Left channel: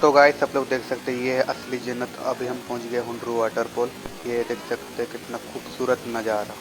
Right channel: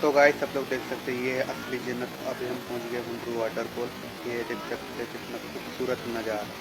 तो गाइस सब लोग देख सकते हैं ये है असली जन्नत। अभी हम पहुंच गए हुंड्रू वाटरफॉल। ये देख सकते हैं कितना खूबसूरत नज़ारा।